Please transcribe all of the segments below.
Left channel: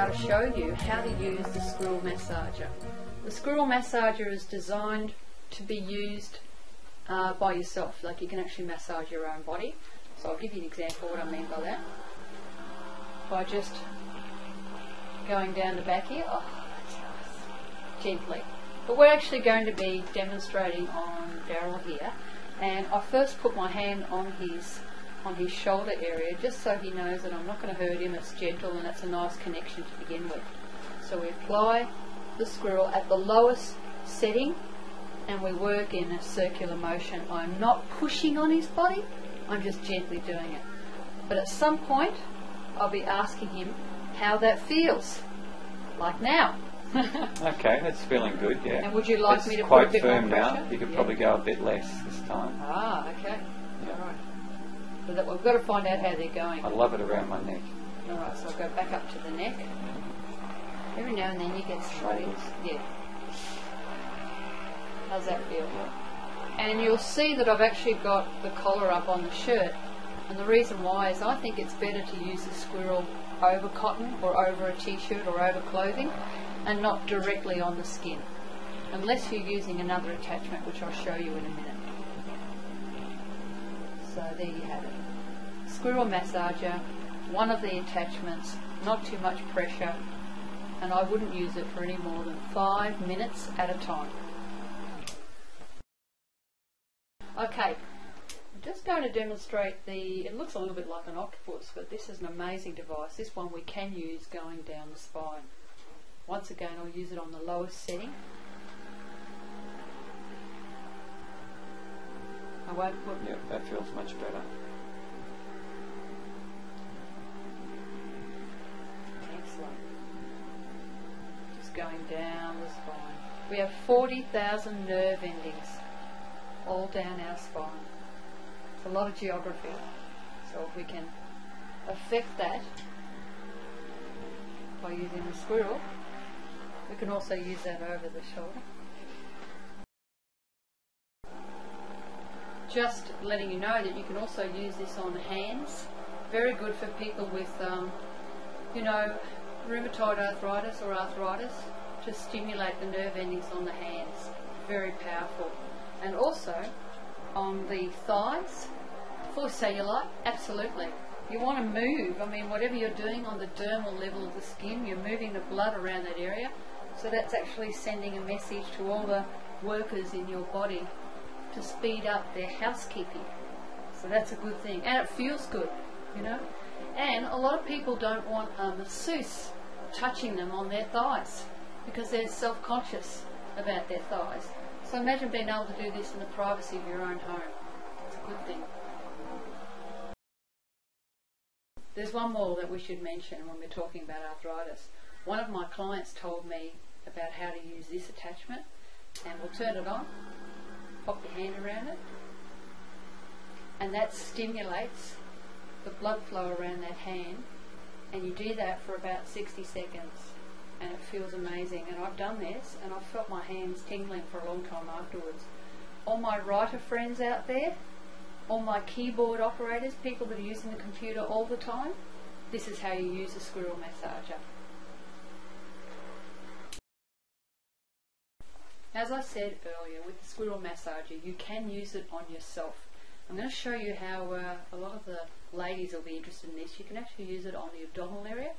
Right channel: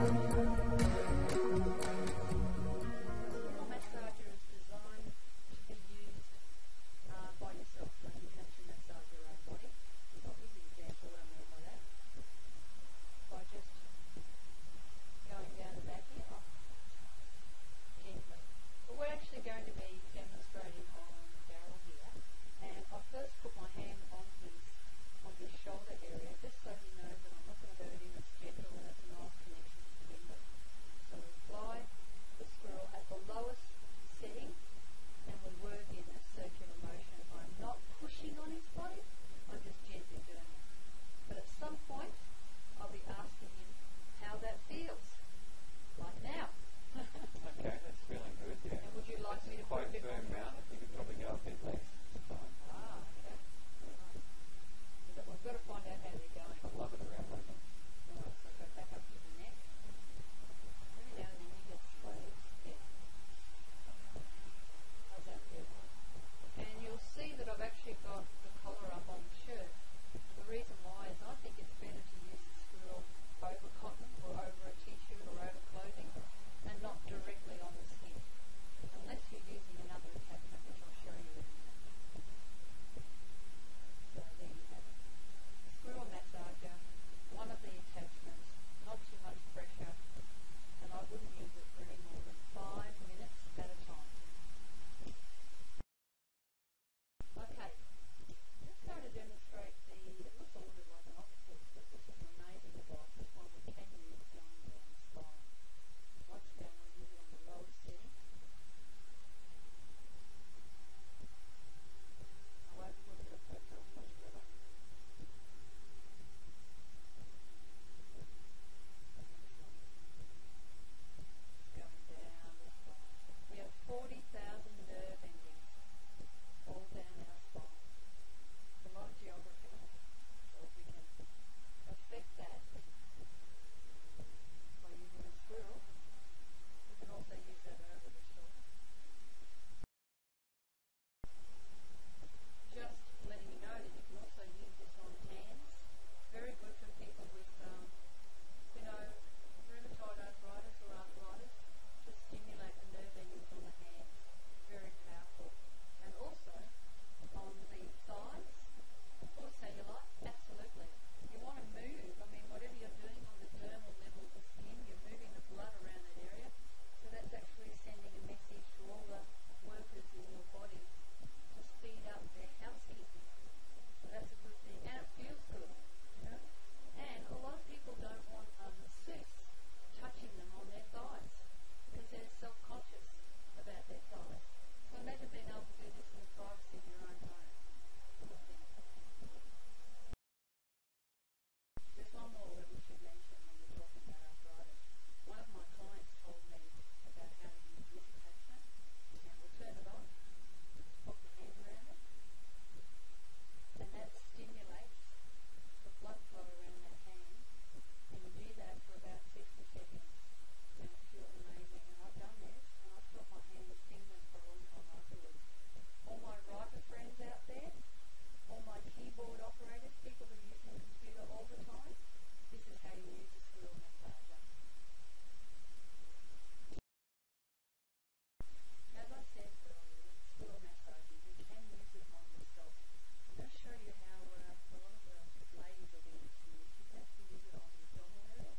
able to show you how to use the Squirrel massager. The Squirrel massager is designed to be used by yourself, like you can actually massage your own body. So I'll give you an example of what I mean by that. By just going down the back here, oh, that's nice, gently. But we're actually going to be demonstrating on Daryl here, and I first put my hand on his shoulder area just so he knows that I'm not going to hurt him, it's gentle and it's a nice connection to begin with. So we apply the Squirrel at the lowest setting and we work in a circular motion. I'm not pushing on his body, I'm just gently doing it. But at some point I'll be asking him how that feels, like now. Okay, that's feeling good, yeah. And would you like me to put quite a bit firm more pressure? now. You could probably go a bit less this time. Ah, okay. Yeah. All right. So that we've got to find out how they're going. I love it around my neck. All right, so I'll go back up to the neck. Every now and then you get struggles. Yeah. How's that feel? And you'll see that I've actually got the collar up on the shirt. And the reason why is I think it's better to use the Squirrel over cotton or over a t-shirt or over clothing and not directly on the skin. Unless you're using another attachment, which I'll show you in a minute. So there you have it. Squirrel massager, one of the attachments, not too much pressure, and I wouldn't use it for any more than 5 minutes at a time. Okay, I'm just going to demonstrate it looks a little bit like an octopus, but this is an amazing device. This one we can use going down the spine. Once again, I'll use it on the lowest setting. I won't put... Yeah, that feels much better. Excellent. Just going down the spine. We have 40,000 nerve endings all down our spine. It's a lot of geography. So if we can affect that by using the Squirrel, we can also use that over the shoulder. Just letting you know that you can also use this on hands. Very good for people with, you know, rheumatoid arthritis or arthritis, to stimulate the nerve endings on the hands. Very powerful. And also on the thighs, for cellulite, absolutely. You want to move, I mean, whatever you're doing on the dermal level of the skin, you're moving the blood around that area. So that's actually sending a message to all the workers in your body to speed up their housekeeping. So that's a good thing. And it feels good, you know. And a lot of people don't want a masseuse touching them on their thighs because they're self-conscious about their thighs. So imagine being able to do this in the privacy of your own home. It's a good thing. There's one more that we should mention when we're talking about arthritis. One of my clients told me about how to use this attachment, and we'll turn it on, pop your hand around it, and that stimulates the blood flow around that hand, and you do that for about 60 seconds and it feels amazing. And I've done this and I've felt my hands tingling for a long time afterwards. All my writer friends out there, all my keyboard operators, people that are using the computer all the time, this is how you use a Squirrel massager. As I said earlier, with the Squirrel massager, you can use it on yourself. I'm going to show you how a lot of the ladies will be interested in this. You can actually use it on the abdominal area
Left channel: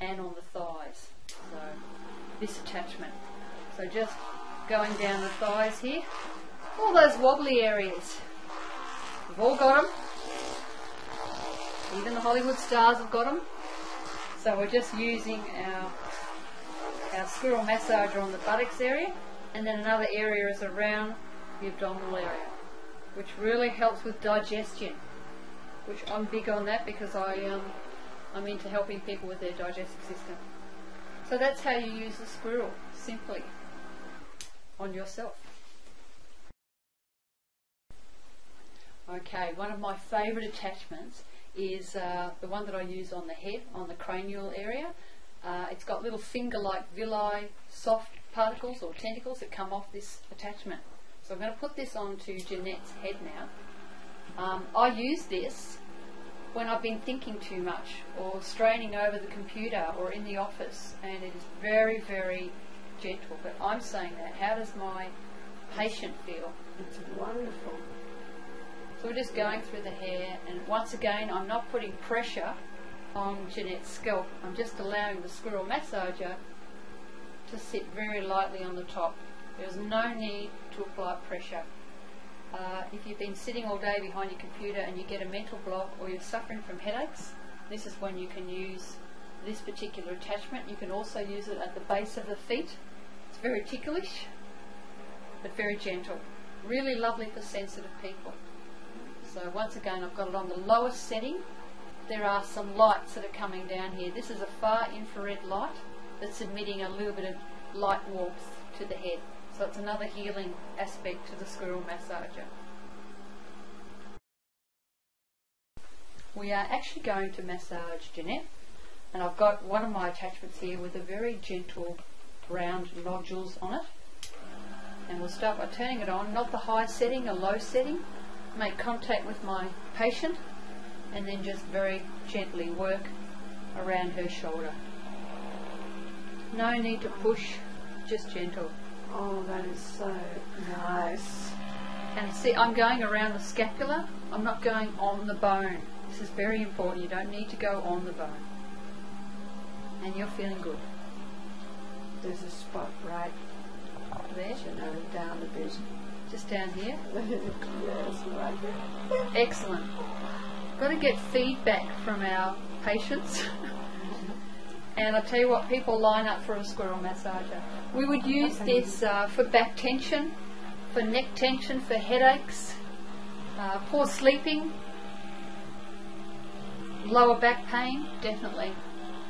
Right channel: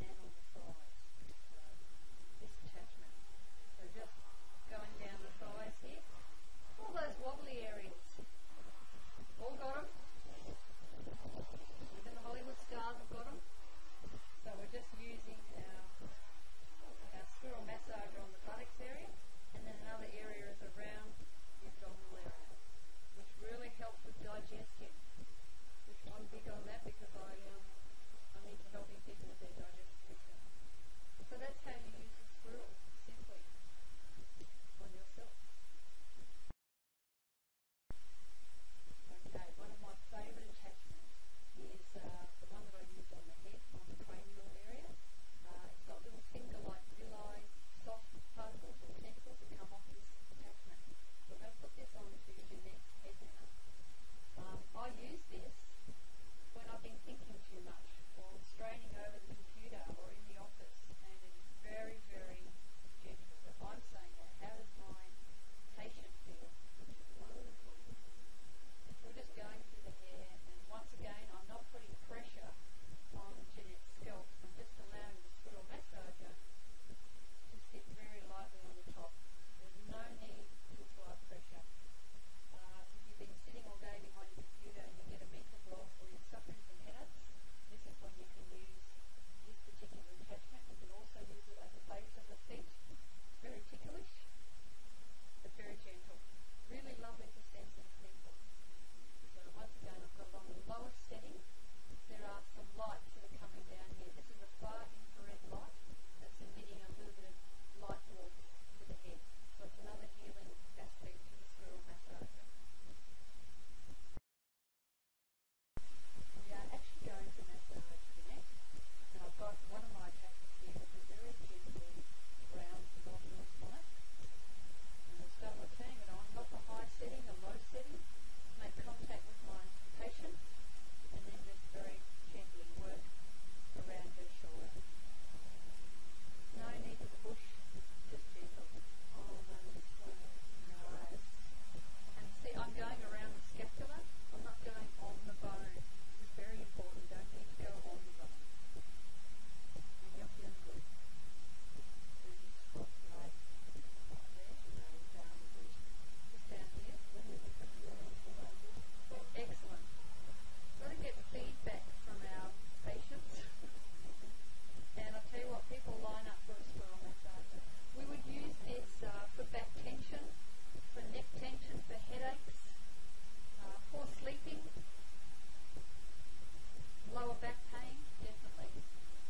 and on the thighs. So this attachment. So just going down the thighs here, all those wobbly areas. We've all got them. Even the Hollywood stars have got them. So we're just using our Squirrel massager on the buttocks area, and then another area is around the abdominal area, which really helps with digestion, which I'm big on that because I'm into helping people with their digestive system. So that's how you use the Squirrel, simply on yourself. Okay, one of my favourite attachments is the one that I use on the head, on the cranial area. It's got little finger-like villi, soft particles or tentacles that come off this attachment. So I'm going to put this onto Jeanette's head now. I use this when I've been thinking too much or straining over the computer or in the office, and it is very, very gentle. But I'm saying that. How does my patient feel? It's wonderful. So we're just going through the hair, and once again, I'm not putting pressure on Jeanette's scalp. I'm just allowing the squirrel massager to sit very lightly on the top. There's no need to apply pressure. If you've been sitting all day behind your computer and you get a mental block or you're suffering from headaches, this is when you can use this particular attachment. You can also use it at the base of the feet. It's very ticklish, but very gentle. Really lovely for sensitive people. So once again, I've got it on the lowest setting. There are some lights that are coming down here. This is a far infrared light that's emitting a little bit of light warmth to the head. So it's another healing aspect to the squirrel massager. We are actually going to massage Jeanette, and I've got one of my attachments here with a very gentle round nodules on it. And we'll start by turning it on, not the high setting, a low setting. Make contact with my patient and then just very gently work around her shoulder. No need to push, just gentle. Oh, that is so nice. And see, I'm going around the scapula. I'm not going on the bone. This is very important. You don't need to go on the bone. And you're feeling good. There's a spot right There, down a bit. just down here. Yes, right there. Excellent. Got to get feedback from our patients. And I tell you what, people line up for a squirrel massager. We would use this for back tension, for neck tension, for headaches, poor sleeping, lower back pain, definitely.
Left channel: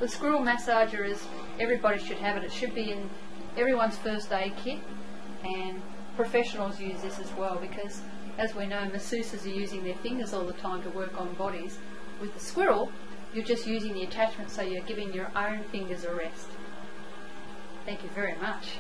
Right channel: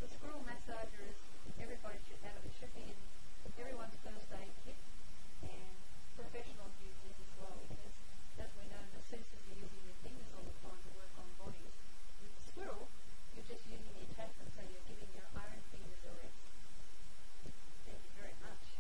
The squirrel massager is, everybody should have it. It should be in everyone's first aid kit, and professionals use this as well because, as we know, masseuses are using their fingers all the time to work on bodies. With the squirrel, you're just using the attachment, so you're giving your own fingers a rest. Thank you very much.